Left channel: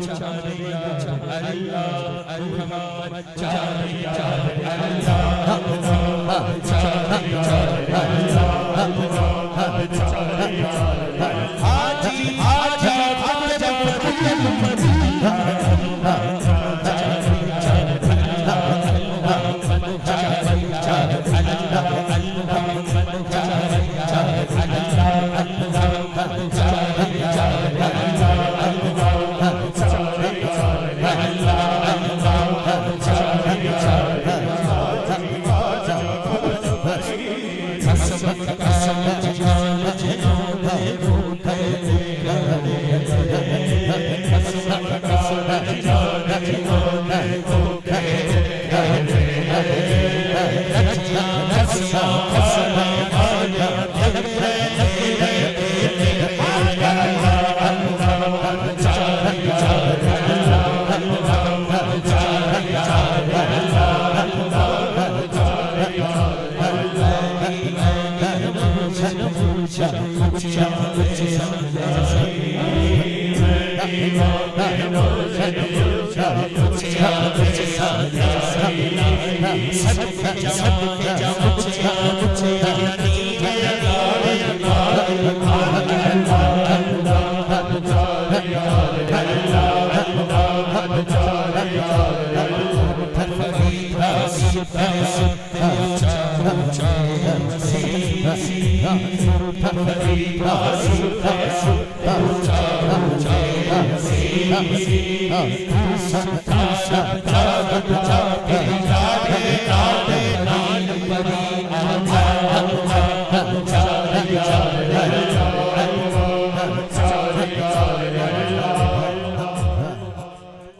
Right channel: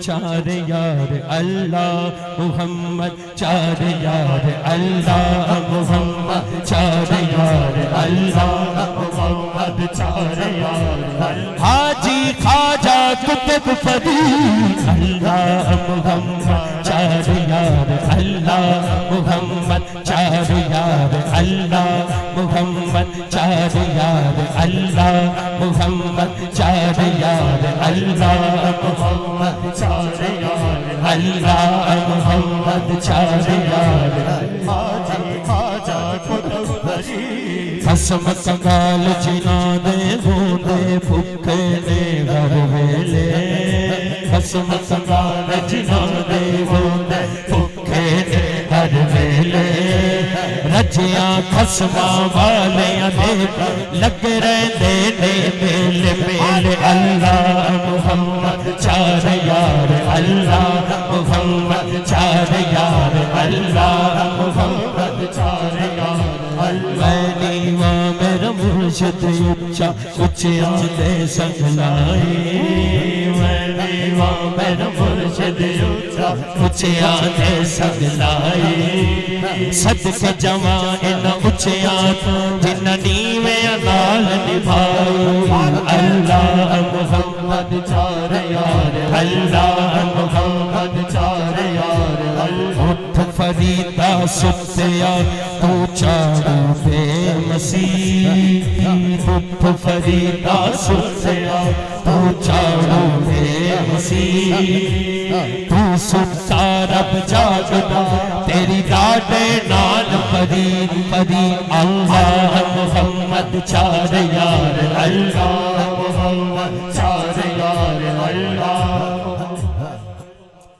چار یار اللہ محمد چار یار اللہ محمد چار یار اللہ محمد چار یار حاجی خواجہ قطب فرید اللہ محمد چار یار اللہ محمد چار یار اللہ محمد چار یار اللہ محمد چار یار اللہ محمد چار یار اللہ محمد چار یار عصمت کال جنانے رونے بھوکے دے رہے عصمت کال جنانے رونے بھوکے دے رہے رجیاں قسمہ والے لگ رہے دینے کے میرے اللہ محمد چار یار اللہ محمد چار یار اللہ محمد چار یار اچھا دے سکھلائی میں مرشد اچھا دے سکھلائی صدق جوائن اچھا جننی میں اقال نبھائی اللہ محمد چار یار اللہ محمد چار یار اٹھ فریدہ سنتیا تو چاروں بے مسیح اٹھ فریدہ سنتیا تو چاروں بے مسیح تو ستارہ جاگتا